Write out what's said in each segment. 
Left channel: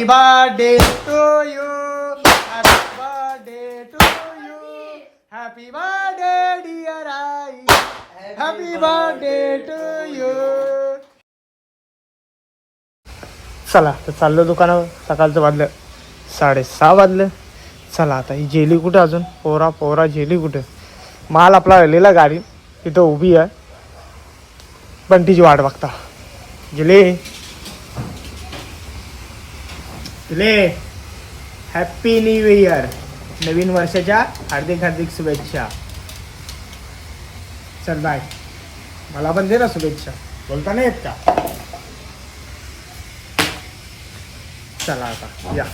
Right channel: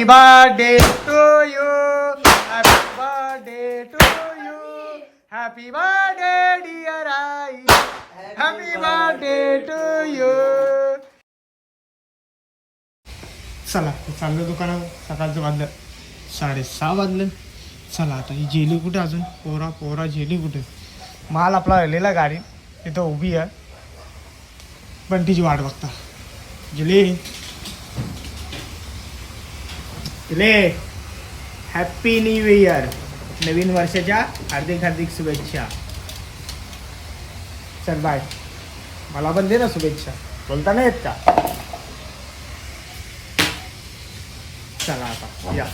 Happy birthday to you happy birthday to you happy birthday dear I happy birthday to you चला तर चाललो दुकानावर. सकाळचं वाजलं. साडेसहा वाजलं. चला आता ही जेली कुठे अजून? पोरा पोरा जेली कुठे? माल आपला आलेला गाडी. तिथं उभी आहे. पण तिची वाट बघता. गेले गेले हॅपी न्यू इयर नवीन वर्षाच्या हार्दिक हार्दिक शुभेच्छा. चल बाय मला पण दे ना शुभेच्छा. बोलता नाही येत का? चला आता या.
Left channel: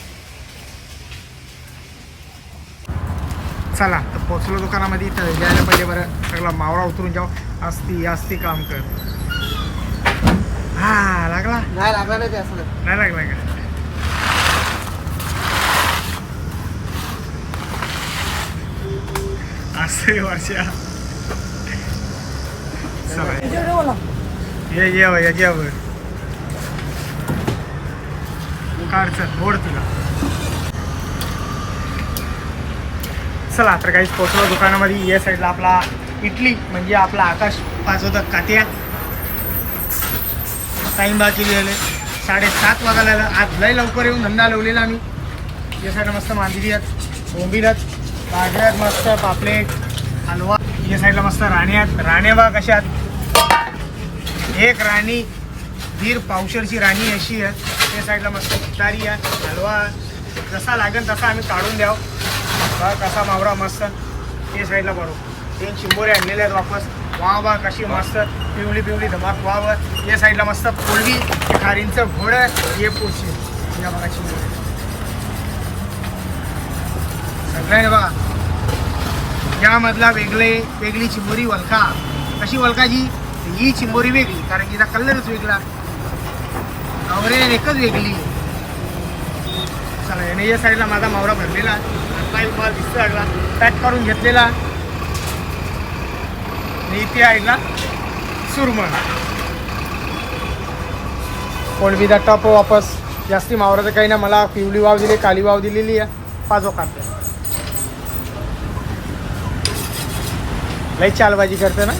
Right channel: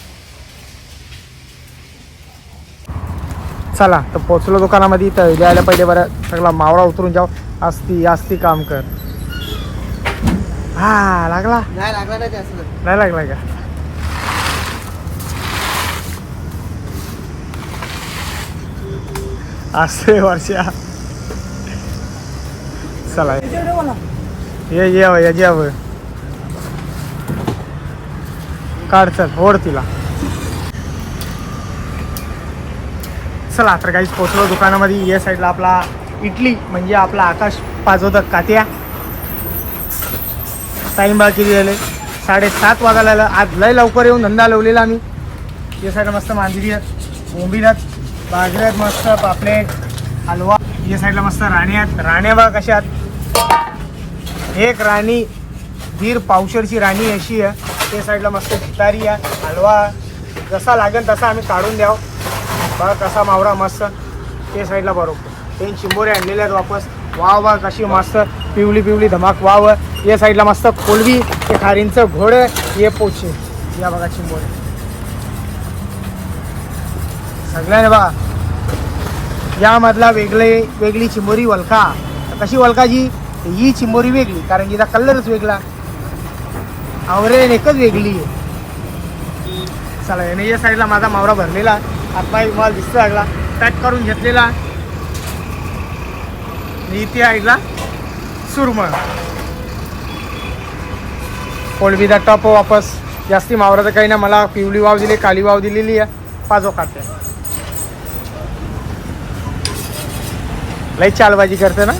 चला तर पोचलो दुकानामध्ये. तर द्यायला पहिले बरं सगळा मावळा उतरून जाऊ. असती असती काम कर. हा लागला? नाही लागला नाही असं. नाही लागला का? असते वर्षा. चला. ये ये ये घ्या काढ चल ओढ तिला. चला तर काहीच पोचलो दुकानामध्ये. या साईडला आपला इडली म्हणजे आपला आकाश पाजवतात कात्या टाईम बाकी झाले साडेसात वाजायला आज लय लवकर येऊन धंदा लावलेला आम्ही. या साईडला मस्त मांदिरी आहेत बोंबीलात बाजऱ्यात मस्त पापलेट हलवा. या साईडला मस्त राणी आहेत. राण्या बघा कशा एक राणी दीर पावशरची राणी अशी आहे. त्या साईडला मस्त चितारी आहे हलवा. जसा लागेल तसा आम्ही काढून द्याव. बघा कसा मावरा मस्त. ते साईडला बरोबर. ते चिंबोरे आणलेले आहेत वापस. वाव वा कशी मस्त पिवळी पिवळी धमाक वाव या साईडला मस्त कोळवी ते खारींचं घोडं हे पोचे या बघा चिंबोरे सगळ्याने बघा. यामधला वेगळे वेगळी चिंबोरी वलका कशी वलकाची ही चिंबोरी वेगळी कारण हिचा कलरच वेगळा. आवरेल एकच वेगळी आहे. चला याने या साईडला माझा मावरा भरलेला. आता मला दिसतो लागला पॅक करून घेतलेला. मी इथे ऐकला सुरमळ. कोळबीचा टप वापस. जास्ती मावराचं काही ना मला पिवळी वाव दिली काली वाव दिलेली आहे. पाचो खाते. लई चालबाजी करते ना.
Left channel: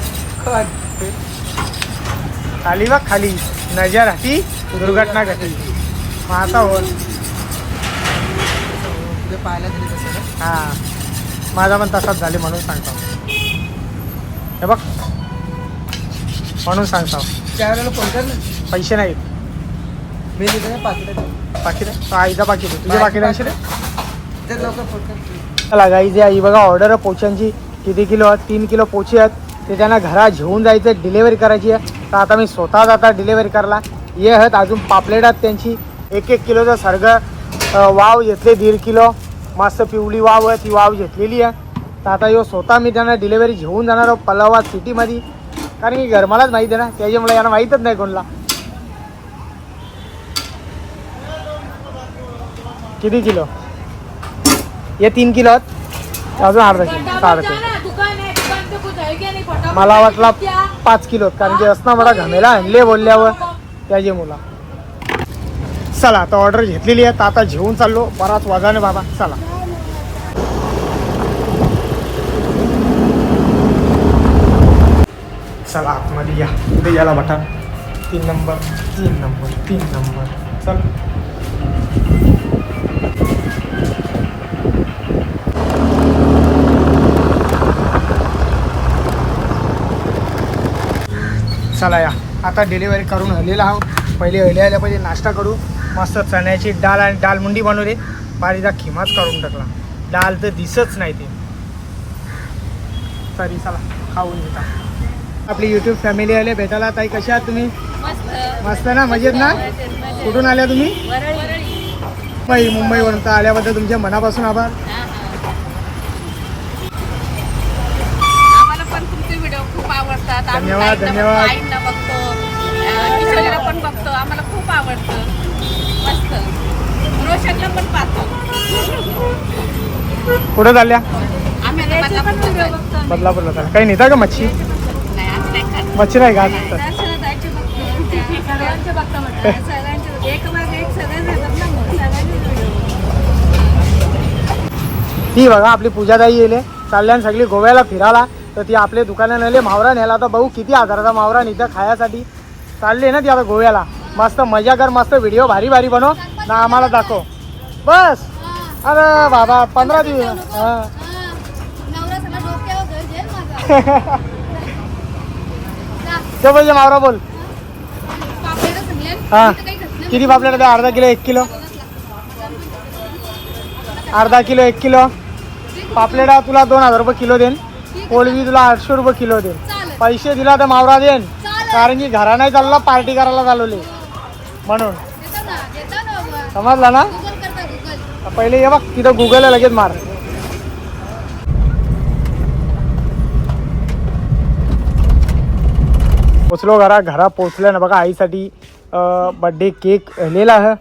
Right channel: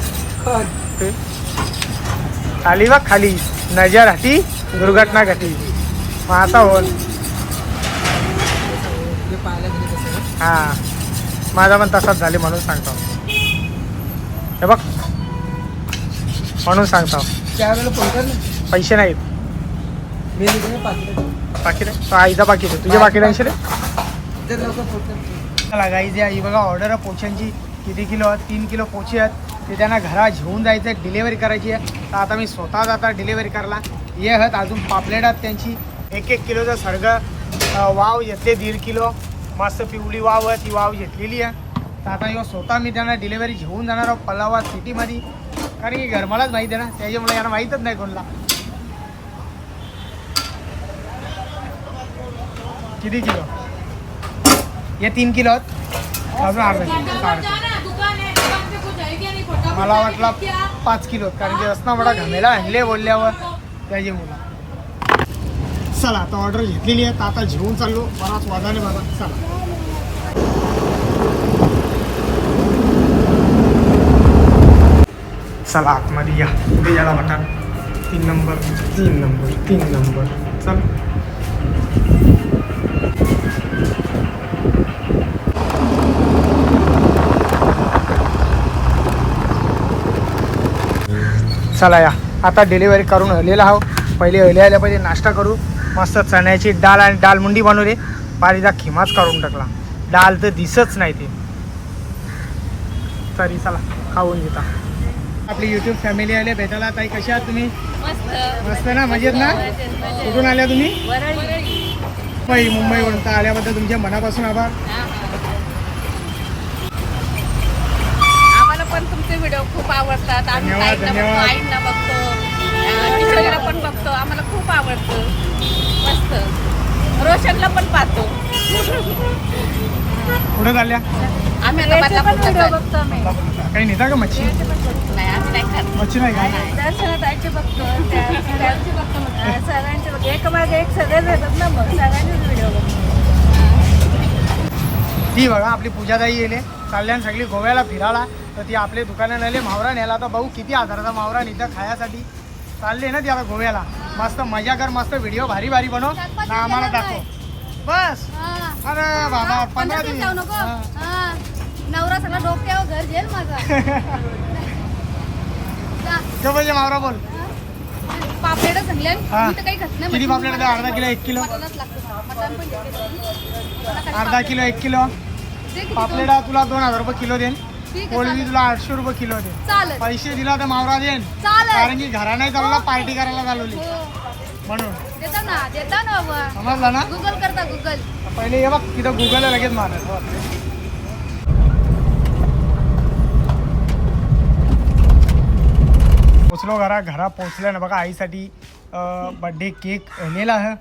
खाली. वा खाली. नजर हाती दुर्घटना घटी. मग आता हो. हा माझा पण तसाच झाले म्हणून सांगतो. हे बघ. म्हणून सांगतो. पैसे नाहीत. मी पाकिट? आईचा पाकिट आहे. तुझे पाकिट ऐंशी रे चला गाई जे आई बघा ऑर्डर आहे. पोच्यांची. किती किलो आहेत तीन किलो पोचे आहेत ते त्यांना घरात घेऊन जायचं डिलेवरी करायची आहे. तर आता मी स्वतः आता डिलेवरी करायला. ये आहेत अजून पापलेट आहेत त्यांची. एक एक किलोचा सर्ग वाव घेतले दीड किलो. मस्त पिवळी वाव आहे ती वाव घेतलेली आहे. तर आता यो स्वतः मी त्यांना डिलेवरी घेऊन जाणार आहोत पलावा सिटीमध्ये. कारण की घरमालाच माहीत आहे ना त्याच्यामुळे यांना माहीतच नाही कोणाला. किती किलो? हे तीन किलो आहेत. अजून अर्धा किलो साडे मला वाटला पाच किलो कारण की असना बडा घमेला आणले बोलल्यावर त्याचे मुला. चला आता ऑर्डर घेतलेली आहे तर आता घेऊन चाललो बराच वाजाने बाबा चला. चला आतमध्ये या पुढे याला बटा तीन नंबर तीन नंबर तीन नंबर. चल. चला या. आता डिलिव्हरी करून हलेला आहो पहिले हले आल्या पहिले नाश्ता करू. मस्त चण्याची डाळ आणि डाळ मुंडी बनवली पारीचा खिमाच काढून टाकला. डाळ तर दिसच नाही ते. तरी चला खाऊन घेता. आपली युट्यूब फॅमिली आले भेटायला. ताई कशा आहात तुम्ही? मस्त. ना? मजेत ना? कुठून आल्या तुम्ही? मुंबई मुंबईवरून तर आल्याबद्दल तुमच्या मनापासून आभार. धन्यवाद धन्यवाद. बघतो. पण बघतो. आम्हाला खूप आवडतं. मस्त. रोशनला पण पाहतो. कुठं झाल्या काही नाही का मच्छी? नाही मच्छी नाही का? ती बघा आपली पूजाताई येले चालल्या सगळी गोव्याला फिरायला. तर ती आपले दुकानं नेले. मावरा नेला तर भाऊ किती हजाराचा मावरा इथं खायासाठी चालली ना ती आता गोव्याला. मस्त मजा कर मस्त व्हिडिओ भारी भारी बनव. ना आम्हाला दाखव. बस. अरे बाबा पंधरा दिवस. ते पाहिजे मावरा बोल. हा. किती पापलेट? द्या अर्धा किलो एक किलो. अर्धा किलो एक किलो. पापलेटा तुला दोन हजार रुपये किलो देईन. पोळवी तुला आठशे रुपये किलो चालेल. पैसे दिला तर मावरा चालेल. कारण की घरा नाही चालला पार्टी करायला चालवली. म्हणून. देता ना देता ना बाबा समजला ना? गुगल करता गुगल पहिले ये बघ तिथं गुगल लगेच मार. पोचलो घरा घरा पोचल्या ना बघा आईसाठी बड्डे केक लिहिला आहे.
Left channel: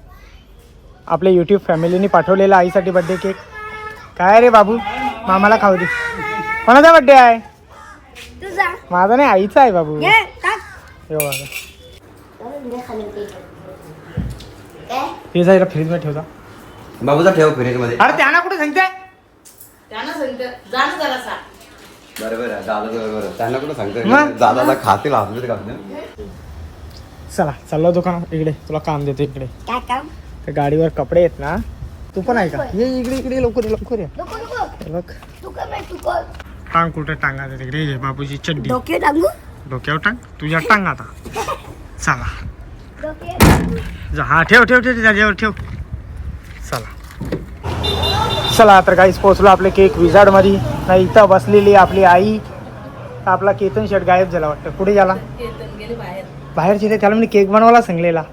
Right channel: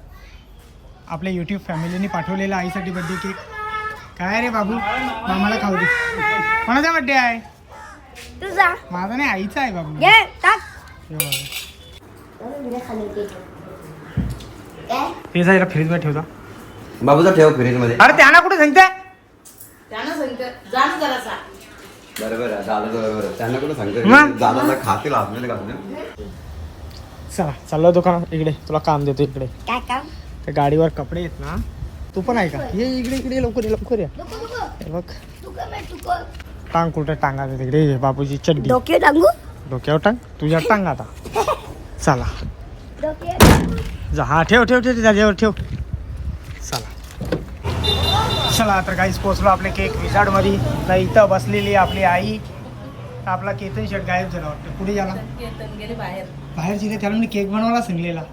आपल्या यूट्यूब फॅमिलीने पाठवलेला आईसाठी बड्डे केक काय रे बाबू? मामाला खाऊ दे. कोणाचा बड्डे आहे? तुझा. माझा नाही आईचा आहे बाबू. घे टाक. हे. ते जायला फ्रीजमध्ये ठेवता. बाबूचा ठेव फ्रीजमध्ये. अरे त्यांना कुठे सांगते? बरोबर आहे दादा बरोबर आहे. त्यांना कुठं मग? सांगतो दादाला खातील हातमध्ये घालून चला चाललो दुकानात. इकडे तुला काम देतो इकडे. काय काम? त्या गाडीवर कपडे आहेत ना. तू पण आहे का? ये इकडे इकडे लवकर ये, लवकर या. नको नको. हे बघ. तू तू टांग कुठे टांगायचं तिकडे? ये बाबूची चड्डी. डोके टांगू? डोक्यावर टांग. तुझ्या टांग आता. चला. डोके. जा हा ठेव ठेव ठेव त्याच्यावर ठेव. चला. चला तर काहीच पोहोचलो आपले केक विजार्डमध्ये नाही इथं बसलेली आपली आई. तर आपला केतन शर्ट गायब झाला वाटतं. पुढे गेला. बाहेर. बाहेर जिथे त्याला मी केक बनवायला सांगलेला.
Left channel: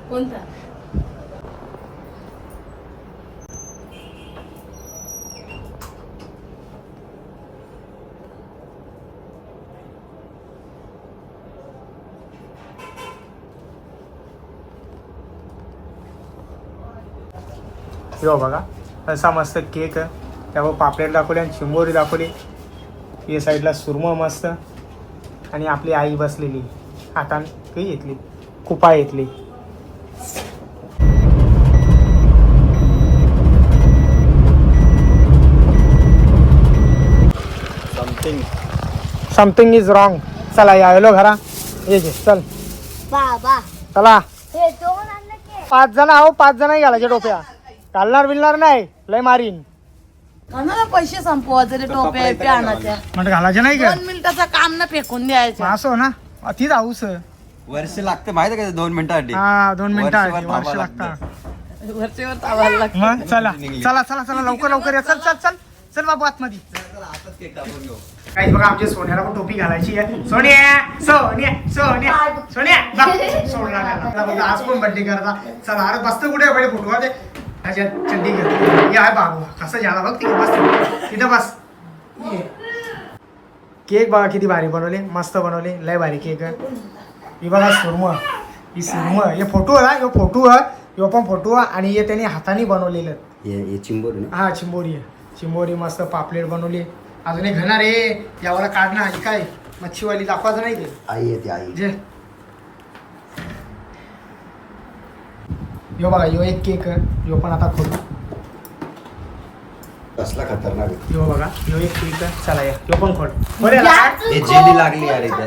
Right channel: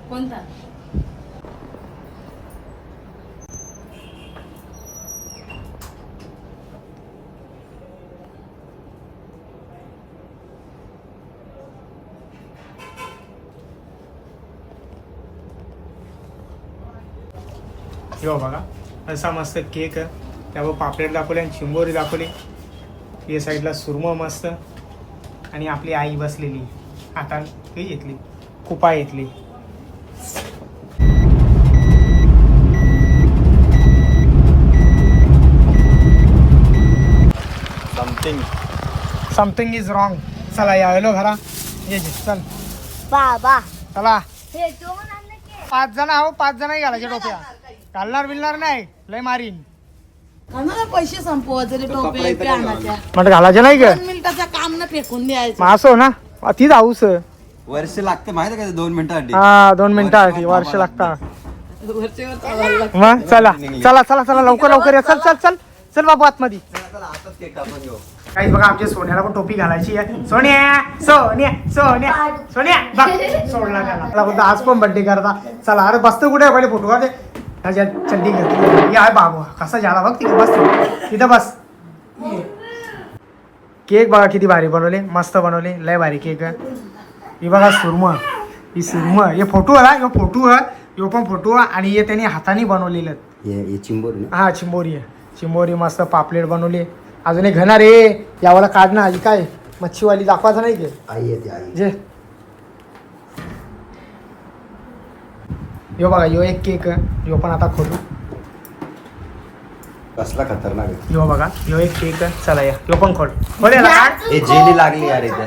हो बघा. असा मस्त केक आहे त्यावर पापलेट दाखवले आणि चिंबोरी दाखवली. या साईडला सुरमं मस्त. आणि आपली आई बसलेली. हातान हे घेतली कुपा घेतली समथिंग समथिंग इज रॉंग चला यायलो घरा. ये जे, चल. बाबा. चला. हे जेवण आणलं की. पाच जण आहो पाच जण घालायचे डोक्या चालणार बिलणार नाही. लय मारीन. आम्हाला पैसे संपवायचे रे टोप्या बिप्या आणायच्या. म्हणजे घालायचे नाही दोन मिनिटाचं काम ना फेकून द्यायचं. असो ना ती जाऊस वर्ष लागतं माहिती का दोन मिनिटासाठी? हा दोन मिनिटं वर्षभर आधी, वर्ष थांबावं लागतात वरचेवर चावायला लागतं. मग चला चला चला चला लवकर लवकर या. चल चल. चल चल. बाबू आतमध्ये. काही बघा आमच्या सोन्याला पण टोपी घालायची आहे. सोन्या सोन्या सोन्या सोन्या बघ, सोडला त्याला. बोलतो, आज पण बड्डे करता. चला अरे बसतो कुठे आहे? पहिले फोटो काढे. ह्याच्या चड्डी घेतो हे आहे बाबू. कसा झाला बघ तिथे बस. तिथं बस. केक बघा किती भारी बनवले. मस्त बनवले. लय भारी केक ही बघा सुरम ही सुरम हे फोटो आहे हे फोटो आहे. ह्यो पण फोटो आहे. आणि हे त्यांनी हाताने बनवलेलं. हे चिंबोरी हा चिंबोरी आहे. चिंबोरी मस्त पापलेट बनवली. अजून एक घेणार रे यावाला काढणं आधी काय? मच्छीवाली दाखवायचं नाही ते? आई येते आई. जे. यो बघा यो एक केक आहे. यो पण आता खोलू. कसला खतरनाक आहे. यो बघा यो एक केक आहे. चला या. यो पण खोल. खोल याला. काढ हे जेली लागली यार इथे.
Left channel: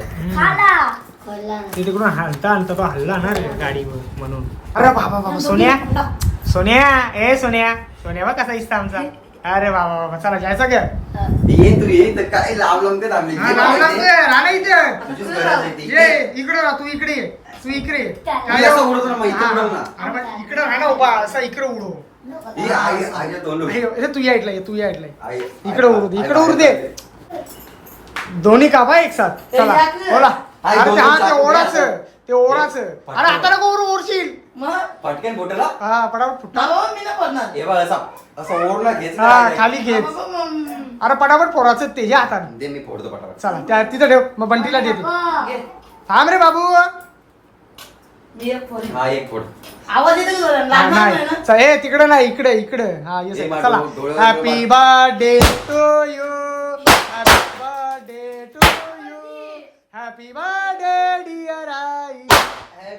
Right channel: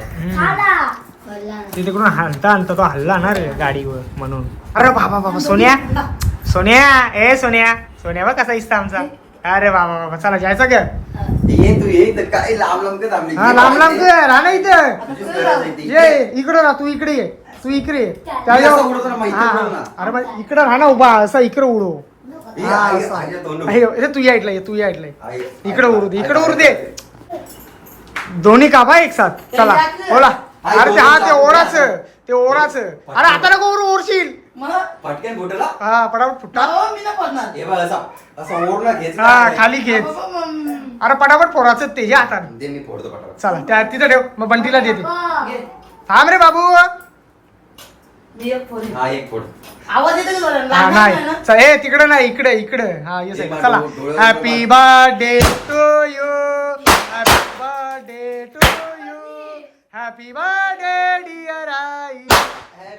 ते तिकडून हलता हलता तो हल्ला ना रे गाडीवर म्हणून. अरे बाबा बाबा सोन्या. सोन्या ए सोन्या. सोन्या बघ कसा दिसता आमचा. अरे बाबा बाबा चला जायचं का? ये तू ये इथं काय लांब लांब का थांबली हा लांब लांब ये, राहा ना इथं. तुझीच गरज आहे ती. ये इकडं राहा तू इकडे ये. तू इकडे ये. त्या मी असं उडवतो ना, मग इथं हा. उडव ना. अरे मग इकडं राहा ना उभा असं इकडं उडव. ही आई- आईला दोन हे, हे तू या ये तू या. आई- इकडं उडू दे इकडं उडू दे. दोन्ही कापा एक साथ. चला. ओला अरे ते हा ते ओढाच. ते ओढाच. अरे आता नको उडू ओढशील मग? बोटला हा पटापट फुटा. अहो, मी नाही पडणार. हे बघ असा असं ओढला घेच हा खाली बाबा, मग- अरे पटापट पोराचं ते या हाताने दे मी फोडतो पटापट. चला त्या तिथं ठेव. मग बंटीला देते घे. थांब रे बाबू. मी एक फोन हा एक फोड. आवाज येतो की बरं? हा लागणार नाही. नाही ना? चल ए तिकडे नाही इकडे इकडे. हा येस चला. डोळे- happy birthday to you happy birthday to happy birthday dear I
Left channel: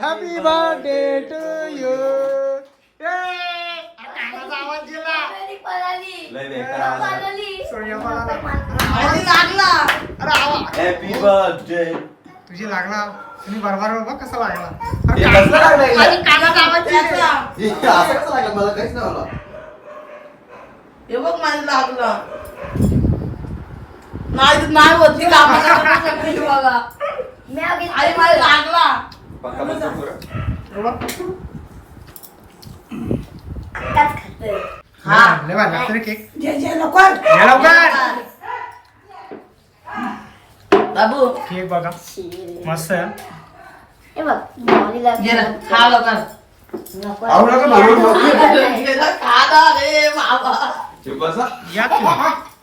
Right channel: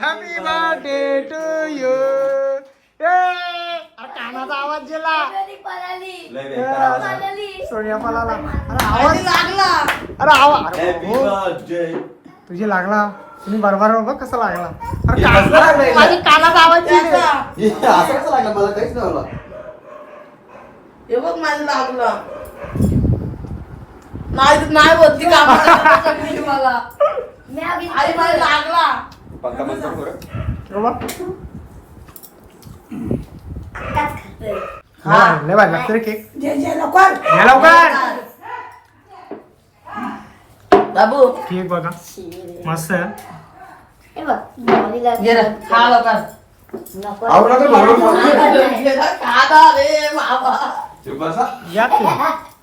happy birthday to you कानाचा आवाज गेला. पळाली लय बेकार. पळाली सोनिया पळाला अरे आवाज लागला अरे आवाज Happy birthday. तुझी लागला. तुम्ही बरोबर बघ कसा लागला? हे अरे कसं लागलंय? माझी कानात आवाज दिली. हे असं कसं लागलं? मला काहीच नाही आलं. हे बघ माझं लागलं. नाही नाही होत ती कामं करायला सांगितली मला मी आधी आई मला लागला पक्का बंद करू का? हे बघ. त्यात खाते. लय भारी, लय भारी लागतं रे केक जे जे लवकर घ्या लवकर बाबू केक बघा मस्त आहे. हे बघ. घे ना खा लवकर नको. का? खा ना रे मामा हे बसा. या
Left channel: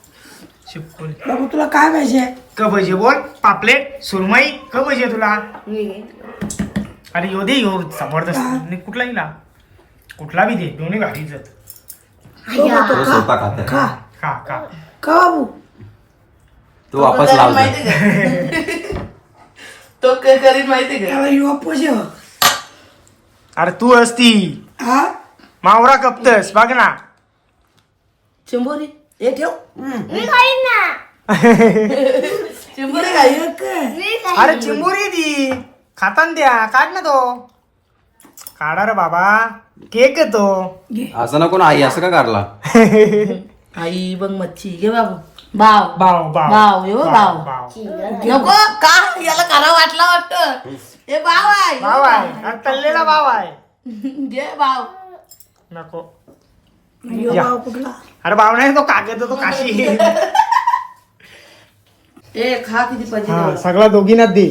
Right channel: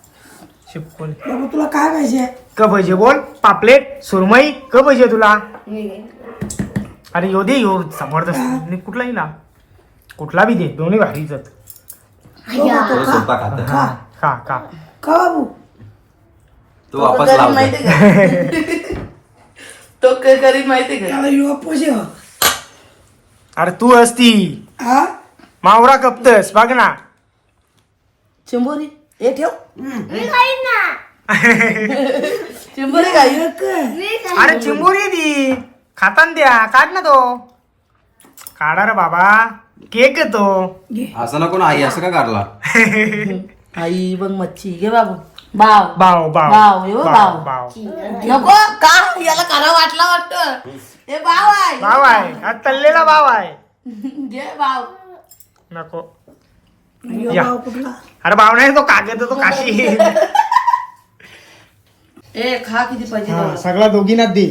शिपकोली बाबू तुला काय पाहिजे? क पाहिजे बोल पापलेट सुरमई क पाहिजे तुला. अरे यो दे यो जबरदस्त आणि कुठलाही ना कुठला बी दे दोन्ही. हे खाता. खा. खा खा. का बाबू. तो वापस लावतो. माहिती का? तो माहिती का? त्याला युवा पोषे अरे तू असती हा? मावरा कपतस बघ ना. चिंबोरी? हे ठेव. मी खाईन ना. चिंबोरी काय मी खाईन. अरे चिंबोरी दी. खातान द्या. काढ ना तो. काढा रे बाबा. केक आहे तो. असं नको ना आई असं का काढला आई बघ मच्छी. घे बाबू. बाव बाव बाव बाव, यो बाव. बाव नको का? याला करा वाटला वाटत. हे बाव आहे. बाव आहे. हा तल्लेला बाव आहे. घे बाव नको. या. अरे बाव नाही तो कागद तो काशी. ए खा किती हा. सगळा दोघींना दे.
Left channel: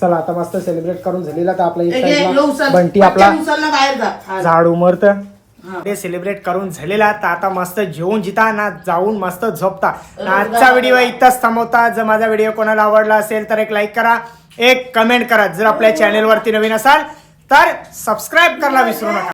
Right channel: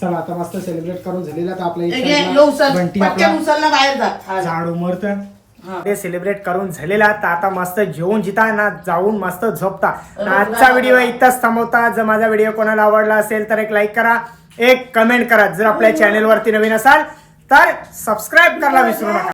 चला आता मस्त सेलिब्रेट करून झालेला तर आपला एक साईडला. बंटी आपला बाहेर हा. झाड उमरत. हा. ते सेलिब्रेट करून झालेला तर आता मस्त जेवून जिता ना जाऊन मस्त झोपता. ना आजचा व्हिडिओ इथंच थांबवता. जर माझा व्हिडिओ कोणाला आवडला असेल तर एक लाईक करा. एक कमेंट करा. जर आपल्या चॅनेलवरती नवीन असाल तर सबस्क्राईब करायला विसरू नका.